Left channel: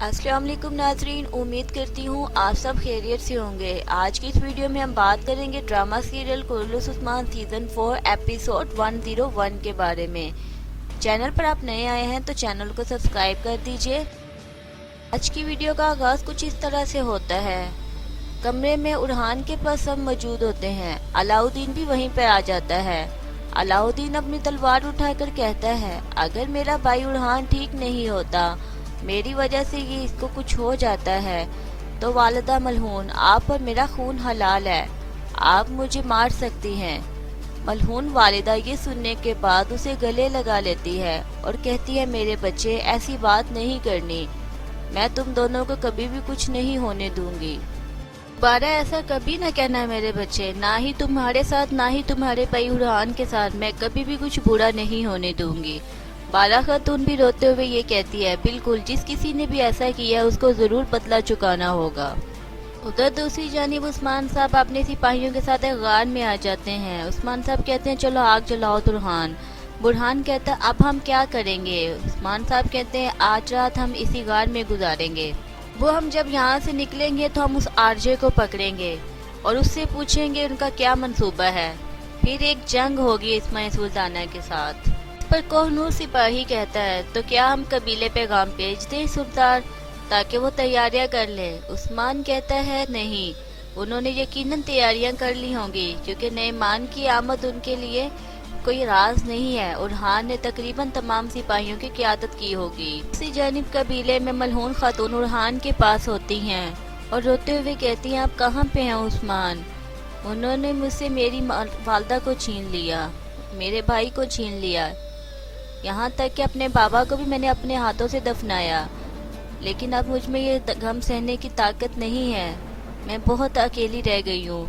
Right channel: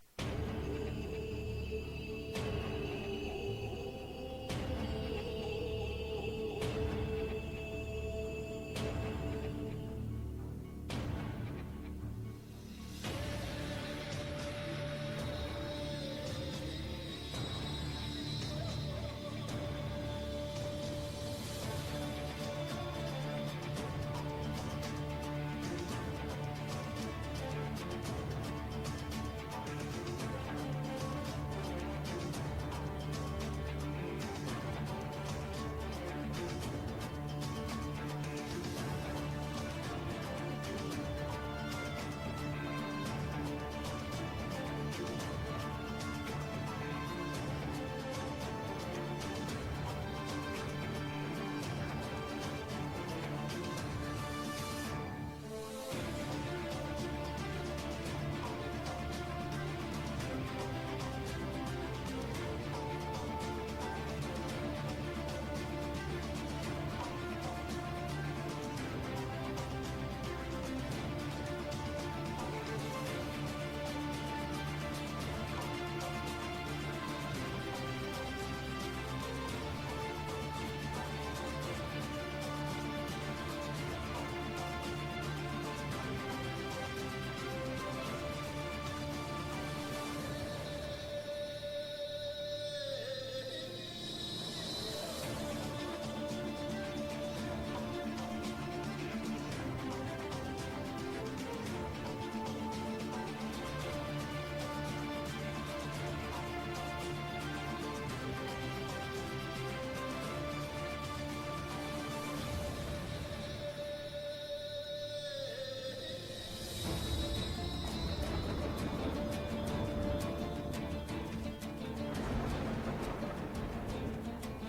अस्सलाम वालेकुम नाजरीन, उम्मीद करती हूँ आप सब खैरियत से होंगे। आज की इस वीडियो में हम बात करेंगे drama serial Qurratul Usman season 4 episode 101 के बारे में। चैनल पर आप नए आए हैं तो चैनल को सब्सक्राइब कर दीजिए। आज की वीडियो का आगाज़ कुछ इस तरह से होता है। कमरे में उरहान के पास सब मौजूद होते हैं। अलाउद्दीन भी वहीं पर आ जाता है। अलाउद्दीन अपनी तलवार उठाकर कहता है, अगर मेरा भाई उरहान ठीक नहीं होता, मेरी वजह से ये इसको कुछ हो जाता है, तो वालिदा मलहून, आप और मेरा खून हलाल है, आप मुझे मार सकती हैं। मलहून वालिदा ये सुनने के बाद उसे गले लगा लेती है और कहती है, मेरे बच्चे, ऐसी बात नहीं करनी, मैं तुम दोनों को कभी भी कुछ नहीं होने दूंगी। दोबारा ऐसा कभी न कहना मेरे बच्चे, ना ही तुम्हारे साथ ना ही तुम्हारे भाई उरहान के साथ मैं कभी भी कुछ बुरा नहीं होने दूंगी। बाला खातून भी रोते हुए ये कहती है, बिल्कुल, जिस किसी ने भी ऐसा किया उसको ज़रूर बदला चुकाना होगा। उधर दूसरी जानिब उस्मान साहब अपने सिपाहियों के साथ एक गार में आ जाते हैं। उस्मान साहब कहते हैं, चलो आग जलाओ बुरहान। बुरहान कहता है, अब हम क्या करेंगे? उस्मान साहब कहते हैं, आज रात हम इसी गार में गुजारेंगे। वो हम जब यहाँ से निकलेंगे तो हम उस आरजे को पकड़ेंगे और उससे पूछेंगे उनका क्या मंसूबा है। फिर एक जंग होगी इस्माइल सुल्ताना के साथ। पर कोहनूर सिपाही कहता है, तो क्या हम कबीले पैगाम भेज दें सुल्तान, ताकि वो तैयारियां कर ले? उस्मान कहता है, नहीं, उन्होंने यकीनन तैयारियां कर ली होंगी, क्योंकि नेमान की आमद उनके लिए कोई राज नहीं है। उरहान ने तकरीबन तमाम सिपाहियों की क़ियादत की होगी। इसी जानिब कबीले में मलहून खातून उरहान के पास होती हैं और रोते हुए कहती हैं, आप कहाँ पे हैं उस्मान? उन्होंने मुझसे मेरी वालदा को छीन लिया, मेरे भाई को छीन लिया, यहाँ तक कि अपने बाबा को भी मैंने अपने हाथों से दफनाया, लेकिन अब मुझ में ये गम सहने की ताकत नहीं है, मैं बहुत अकेली रह गई हूँ।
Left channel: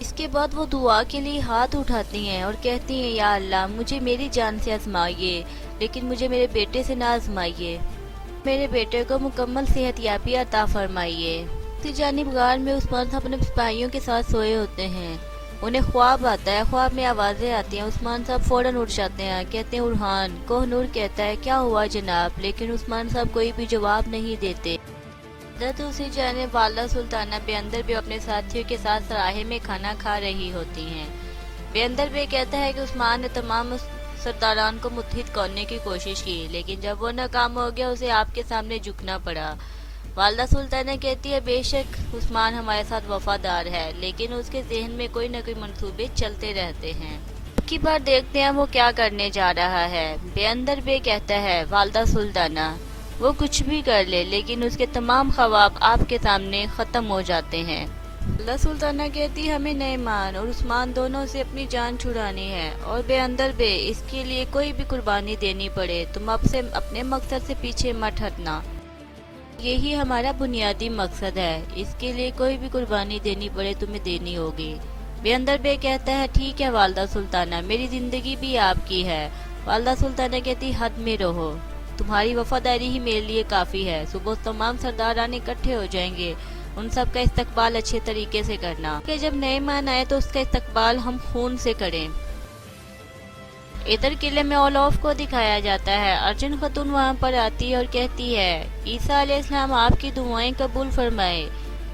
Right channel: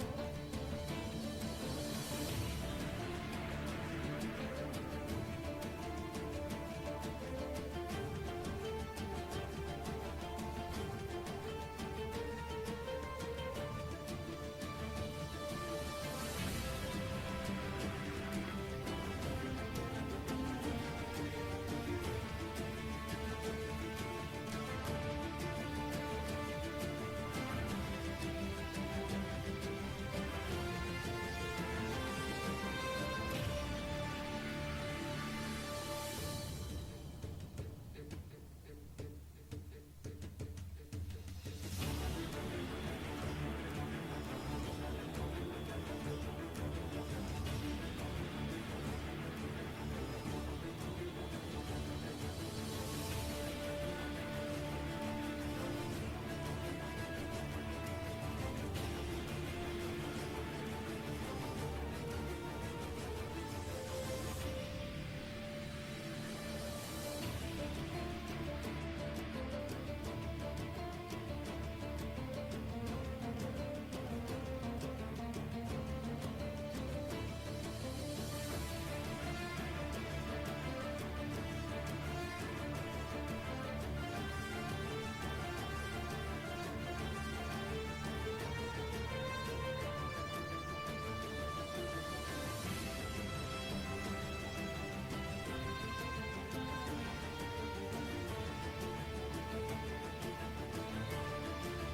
इसके बाद वो दुआ के लिए हाथ उठाती हैं और कहती हैं, या अल्लाह, मुझे मेरी जान से आजमाइए, लेकिन मुझे मेरे बेटे से ना आजमाइए, मेरे बेटे को मुकम्मल सेहतयाबी अता फरमाइए। इसी जानिब गार में उस्मान साहब अपने सिपाहियों के साथ सोए होते हैं। उन्हें ख्वाब आता है, ख्वाब में आवाज़ें आती हैं। उस्मान साहब फ़ौरन उठ जाते हैं, कहते हैं, उरहान। कोहनूर कहता है, क्या हुआ जनाब? लेकिन उस्मान साहब कोई भी जवाब नहीं देते। दूसरी जानिब वाला सुल्ताना बेअंदर भी अपने साथियों के साथ सराहे में खाना खा रही होती हैं। बेअंदर भी कहता है कि उस्मान ने तमाम सरदारान को मुत्हिद करने की कोशिश की, लेकिन जब वो नाकाम हो गया, उसे आपके सामने झुकना पड़ा। वालदा सुल्ताना कहती है, बेशक उस्मान हमारे साथ वफादार है, लेकिन उसके जहन में कोई न कोई मंसूबे चलते रहते हैं। की बार देखते हैं वो क्या करने जा रहा है। बेअंदर बे कहता है, वालदा सुल्ताना, वो कुछ भी कर ले, लेकिन उसके तमाम ख्वाब आपके सामने ख़त्म हो जाते हैं। वालदा सुल्ताना कहती है, हमें नेमान और उस्मान दोनों से अपनी जान छुड़ानी है, और बेअंदर बे, इसके लिए कोई भी कुर्बानी देनी पड़े, तुम अब से अपने मकसद से पीछे मत हटना। यही हमारा बुनियादी मकसद है, इसके लिए कोई भी कुर्बानी देनी पड़े तुम्हें देनी होगी। बेअंदर बे कहता है, ठीक है वालदा सुल्ताना, मेरी जिंदगी भी आपकी है। वालदा सुल्ताना कहती, हद में रहो, तुम्हारी वफादारी ही मेरे लिए काफ़ी है। सुबह तमाम सरदारान इकट्ठे हो जाएंगे, उन सब का इस्तकबाल अच्छे तरीके से करना, कि जब नए मान आए तो उसका इस्तकबाल हम खून से करें। इधर किले में ओलॉफ को दिखाया जाता है। अर्जुन खातून वहाँ पर आती है और कहती है, ईसा अलैहिस्सलाम आपकी दुआएं कबूल फरमाए।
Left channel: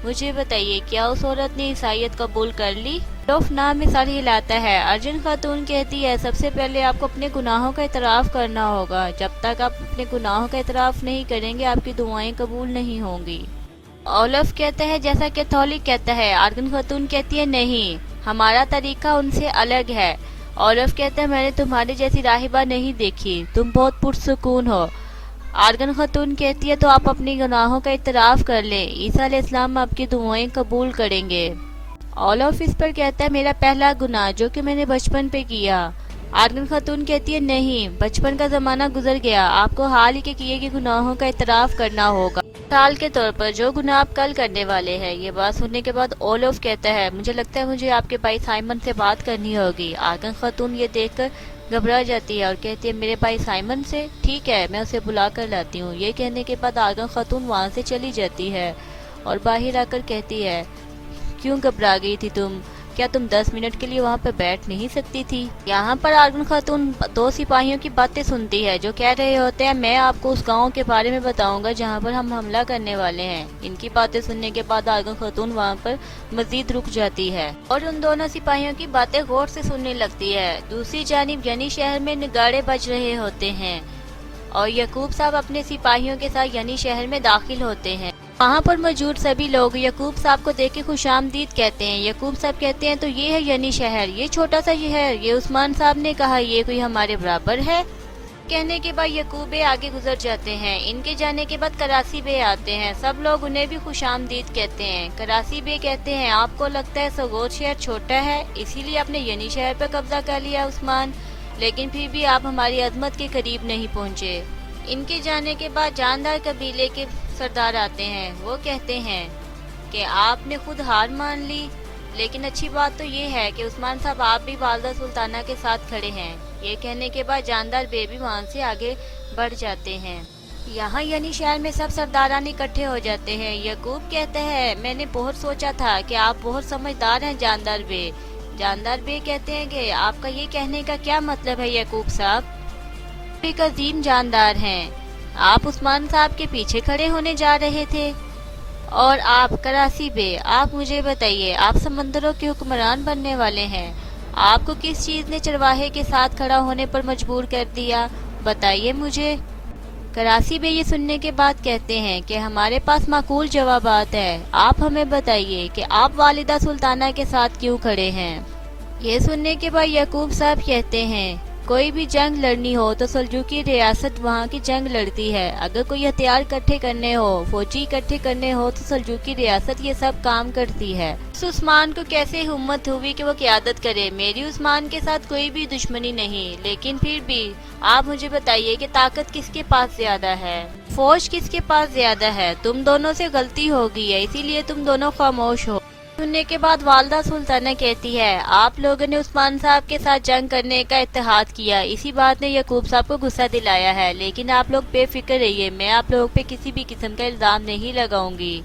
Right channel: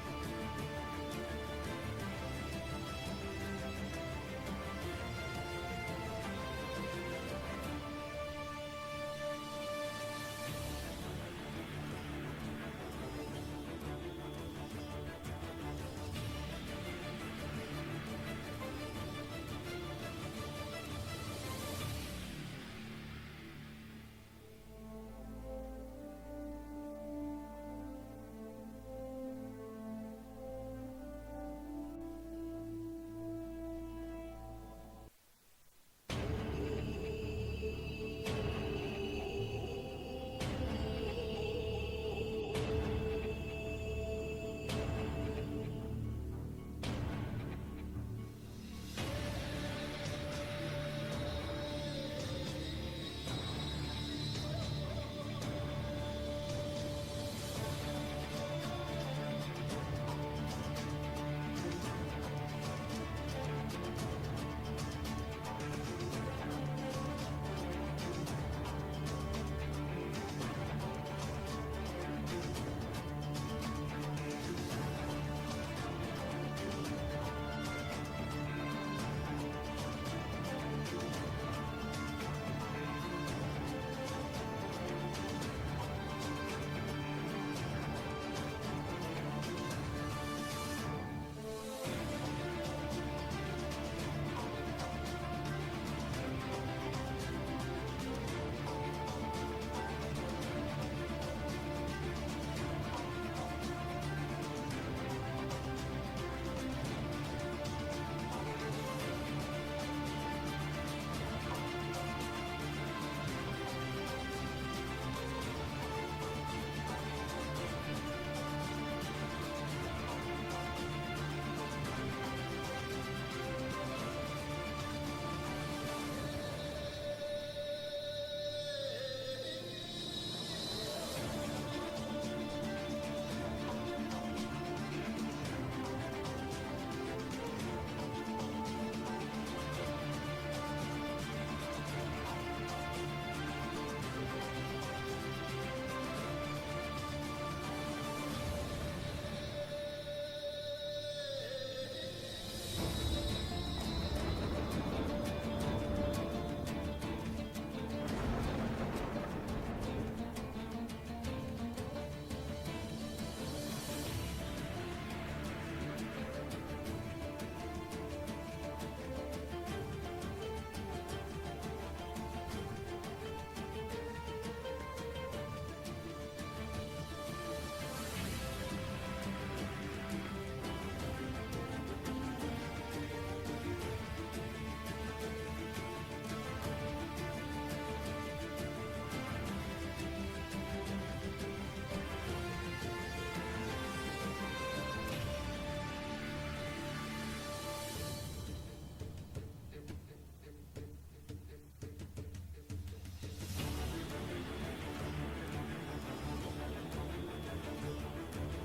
मुझे बताइए, क्या उस औरत ने ईसाईयत कबूल कर ली? ओलॉफ नाम में सर हिलाता है। अर्जुन खातून कहती है, सबसे पहले आपको अपने गुनाहों का इतराफ़ करना होगा, जब तक आप अपने गुनाहों का इतराफ़ नहीं करेंगे आपकी दुआएं कबूल नहीं होंगी। ओलॉफ कहता है, जैसा कि थॉलिक कहता है। अर्जुन खातून कहती है, नहीं, हमारा तरीका उनसे अलग है। ओलॉफ कहता है, मैंने तुम्हारे जैसी राहिबा नहीं देखी, तुम बहुत पुरसुकून हो। आर्गन खातून कहती है, तो आप अपनी गुनाहों का इतराफ़ कर लें, ईसा अलैहिस्सलाम आपकी दुआएं कबूल करेंगे। ओलॉफ इस पर कहता है, मेरा पहला गुनाह जो कि मैंने बचपन पे किया। आर्गन खातून कहती है, नहीं, बचपन का ज़माना गुजर गया, आपको हाल ही के किए गए गुनाहों का इतराफ़ करना होगा, मिसाल के तौर पर जो गुनाह आप कल करने वाले हैं। ये बात सुनने के बाद ओलॉफ कहता है, मुझे लगता है मुझे आपके भाई साइमन से बात करनी होगी। आर्गन खातून ये देखकर घबरा जाती है और कहती है, मेरे भाई साइमन से? ठीक है, मैं उसे बुला कर लाती हूँ। ये कहने के बाद आर्गन खातून वहाँ से चली जाती है और बाहर आकर कहती है, क्यों घबरा गई थी तुम? क्या तुम 10 मिनट के लिए वहाँ पर बैठ नहीं सकती थी? यहाँ पर आर्गन खातून 2 सिपाहियों की बातें सुनती है जो कह रहे होते हैं मैं आपको उस गांव के बारे में बताऊंगा जहाँ पर हम हमला करने वाले हैं। इनकी बातें सुनने के बाद आर्गन खातून वहाँ पर मजीद रुक जाती है और उन दोनों सिपाहियों की बातें गौर से सुनने लगती है। दूसरी जानिब यानी शहर में नगाड़े बज रहे होते हैं और यकूब साहब अपने सिपाहियों के साथ यानी शहर में दाखिल होते हैं। वहाँ पर मौजूद सभी लोग यकूब साहब को देख के खुशामदीद कहते हैं। यकूब साहब कहते हैं तो ये है यानी शहर, ये छोटा सा शहर, ये उस्मान साहब ने कहा ये कोई हमारे बराबर है। कहने के बाद यकूब बे आगे गुजर जाते हैं। इनके जाने के बाद करासी बे आते हैं। सब लोग उन्हें भी खुशामदीद कहते हैं। करासी बे कहते हैं आपको लगता है सगोद शहर छोटा है इसीलिए आपने यानी शहर पर कब्जा कर लिया उस्मान, लेकिन फिर भी आप हमारी अजमत के करीब नहीं पहुँचे। इनके जाने के बाद जानदार कबीले के सरदार आते हैं। वो कहते हैं कि आपने खुद हार मान ली, लेकिन अच्छी बात तो ये है कि उस्मान साहब आप भी वालदा सुल्ताना के साथ खड़े हैं। ये कहने के बाद जानदार बेबी वहाँ से आगे बढ़ जाते हैं। यहाँ यानी शहर में सब सरदारान इकट्ठे हो जाते हैं। यकूब कहते हैं मैंने बहुत सोचा था कि आप बहुत समझदार हैं जानदार बे। जानदार बे कहते हैं कि आपका ये कहने का क्या मतलब है यकूब साहब? एक अजीम जानदार हैं। आप उस्मान साहब के पीछे खड़े होने जा रहे थे और आप करासी बे, आप मुझे बताइए आप समंदरों के हुक्मरान बनने वाले हैं। आपको किस चीज़ ने चरवाहे के साथ खड़ा होने पर मजबूर कर दिया, बताइए मुझे। करासी बे ये सुनने के बाद कहते हैं कि हमारे पास माकूल जवाबात है, आप हमें बताइए कि आप वालिदा सुल्ताना के साथ क्यों खड़े हैं। ये सुनने के बाद यकूब साहब कहते हैं कोई भी जंग लड़नी हो तो सल्जूकी रियासत वहाँ की जंग लड़ती है। अगर कोई हथियार इकट्ठे करने हो, फौजी इकट्ठे करने हो तो सल्जूकी रियासत ये सब काम करती है। उस उस्मान को कैसे हिम्मत हुई कि वो क़यादत करे। मेरी उस्मान के साथ कोई भी दुश्मनी नहीं, लेकिन फिर भी आप मुझे बताइए कि ताकत किसके पास ज्यादा है, फौज किसके पास ज्यादा है। तुम दोनों से गलती हो गई है इसीलिए तुम दोनों खामोश हो। सुनने के बाद वालदा सुल्ताना कहती है आप लोगों ने उस्मान साहब के साथ जंग करने का इत्तेहाद किया, इसी बात ने यकूब साहब को गुस्सा दिलाया है, लेकिन आप लोग बेफिक्र रहिए, मैं आप लोगों पे किसी भी किस्म का इल्जाम नहीं लगाऊंगी।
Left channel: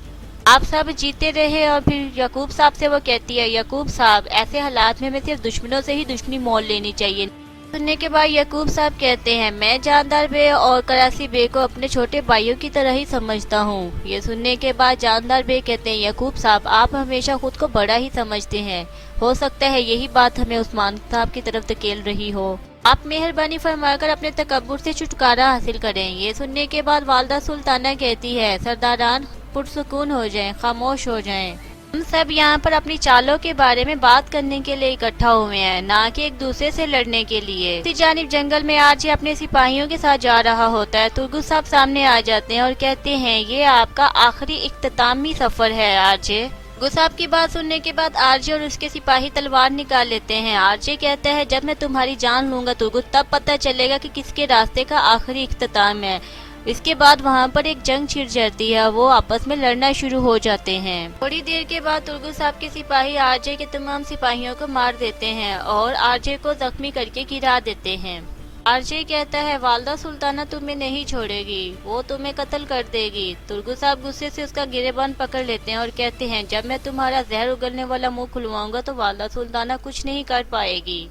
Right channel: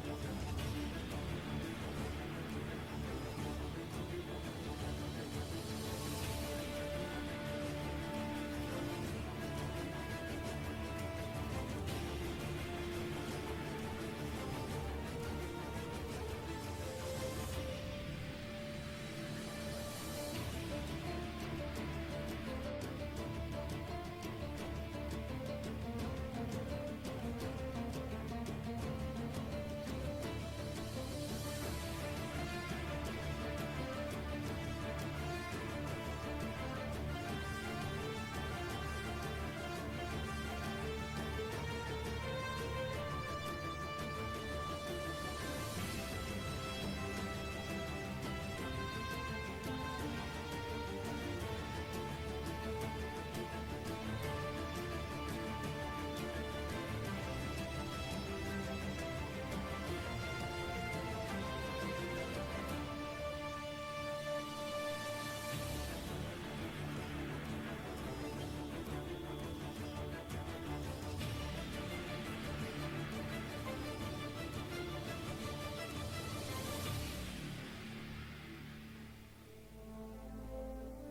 आप सब जीते रहे। और फिर यकूब साहब से वो कहती है यकूब साहब ऐसे हालात में हमें सिर्फ दुश्मनों से ही दुश्मनी मोल लेनी चाहिए। सुनने के बाद यकूब साहब कहते हैं मैं जानदार बे और करासी बे को अपने छोटे भाइयों की तरह ही समझता हूँ। ये सुनने के बाद जानदार बे कहते हैं यकूब साहब आप हमेशा खुद को बड़ा ही समझते हैं, हो सकता है यही बात हमें उस्मान साहब की तरफ धकेल रही हो। आप मेहरबानी फरमाकर अपने तकब्बुर से छुटकारा हासिल करें। ये सुनने के बाद वालदा सुल्ताना कहती है सरदारान पुरसुकून हो जाएं, खामोश हो जाएं। हम सब यहाँ पर अपनी चालों के बारे में बात करने के लिए इकट्ठा हुए हैं, ना कि एक दूसरे से लड़ने के लिए। इसी जानिब जंगल में आरजे अपने सिपाहियों के साथ जा रहा होता है। तुर्गुस साहब सामने आ जाते हैं और कहते हैं ये आपका आखिरी इख्तितामी सफर है आरजे। गुस्साब की बात सुनने के बाद आरजे और उसके सिपाही तलवार निकाल लेते हैं। आरजे कहता है जब मैं तुम्हारी जान लूंगा तुर्गुस तब पता चलेगा कि किसके रास्ते का आखिरी इख्तिताम है। इसके बाद वहाँ पर एक जंग छिड़ जाती है, वो आपस में लड़ना शुरू हो जाते हैं। थोड़ी देर के बाद तुर्गुस साहब के सिपाही आरजे के तमाम सिपाहियों को मार देते हैं और आरजे को जख्मी करके गिरा देते हैं। आरजे कहता है वालदा सुल्ताना तुम्हें नहीं छोड़ेगी, वो तुम्हें कत्ल कर देगी। तुर्गुस साहब गुस्से से उसका गिरेबान पकड़ लेते हैं और कहते हैं जब मैं तुम्हारा जहर उगलने वाला मुंह खुलवाऊंगा तो वालदा सुल्ताना कुछ नहीं कर पाएगी।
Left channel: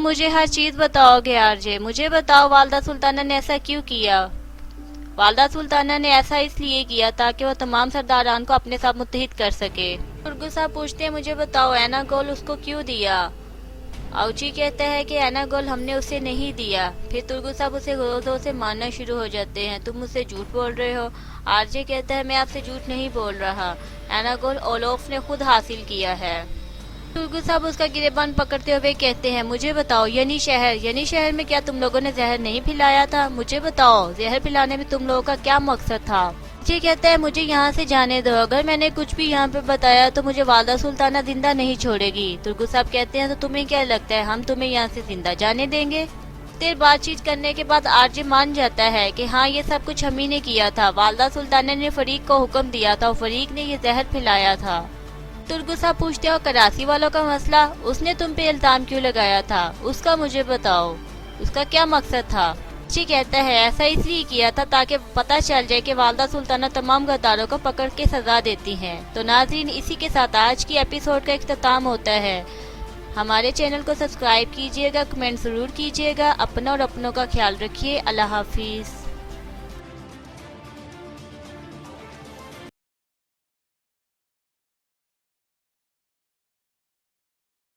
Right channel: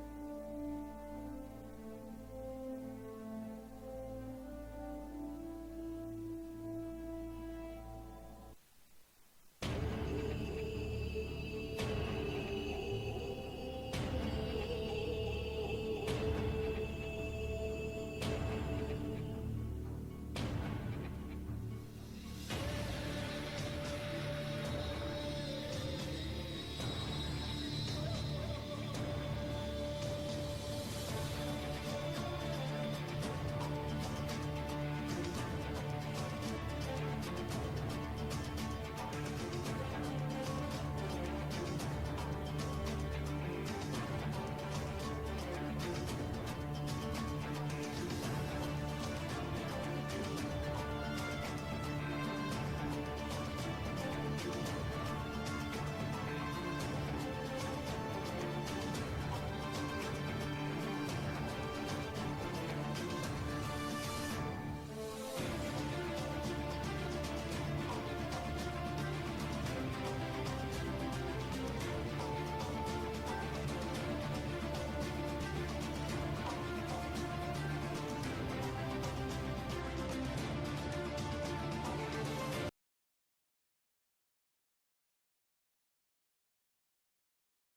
मुझे हर चीज बताओगे आरजे, मुझे बताओ वालदा सुल्ताना ने ऐसा क्यों किया। वालदा सुल्ताना ने ऐसा इसलिए किया ताकि वो तमाम सरदारान को अपने साथ मुत्तहिद कर सके। तुर्गुस साहब पूछते हैं मुझे बताओ ऐना गोल उसको क्यों दिया। आउची कहता है कि ऐना गोल हमने उसे नहीं दिया। फिर तुर्गुस साहब उसे जोर से मारना शुरू हो जाते हैं, तुम मुझसे झूठ बोल रहे हो। आरजे कहता है मैं आपसे झूठ नहीं बोल रहा, ऐना गोल ओलोफ ने खुद हासिल किया है। तुर्गुस साहब उसका गिरेबान पकड़ते हुए कहते हैं मुझे बताओ यानी शहर में क्या तुम लोगों ने जहर नहीं पिलाया था, मुझे बताओ जहर पिलाने में तुम लोगों का क्या मकसद था। ये कहता है मुझे यहाँ से जाने दो, अगर मैंने कुछ भी यहाँ पे बताया तो मुझे वालदा सुल्ताना जिंदा नहीं छोड़ेगी। तुर्गुस साहब कहते हैं तो तुम्हें क्या लगता है हम तुम्हें यहाँ से जिंदा जाने देंगे। देर बातचीत करने के बाद आरजे मान जाता है कि हाँ ये सब कुछ हम ही ने किया था, वालदा सुल्ताना ने फरीक को हुक्म दिया था और फरीक ने ये जहर पिलाया था। तुर्गुस साहब पूछते हो कराची वालों का मसला, उसने तुम पे इल्जाम क्यों लगाया था, उसका मुझे बताओ, उसका क्या मकसद था। जी कहता है ऐसा इसलिए किया था ताकि पता चल जाए कि वालदा सुल्ताना तमाम गद्दारों को पकड़ के सजा देती हैं। तो नाज़रीन इसी के साथ आज की एपिसोड का इख्तिताम होता है। ہمارے چینل کو سبسکرائب کیجیے گا، کمنٹ ضرور کیجیے گا، اپنا اور اپنوں کا خیال رکھیے۔ اللہ حافظ۔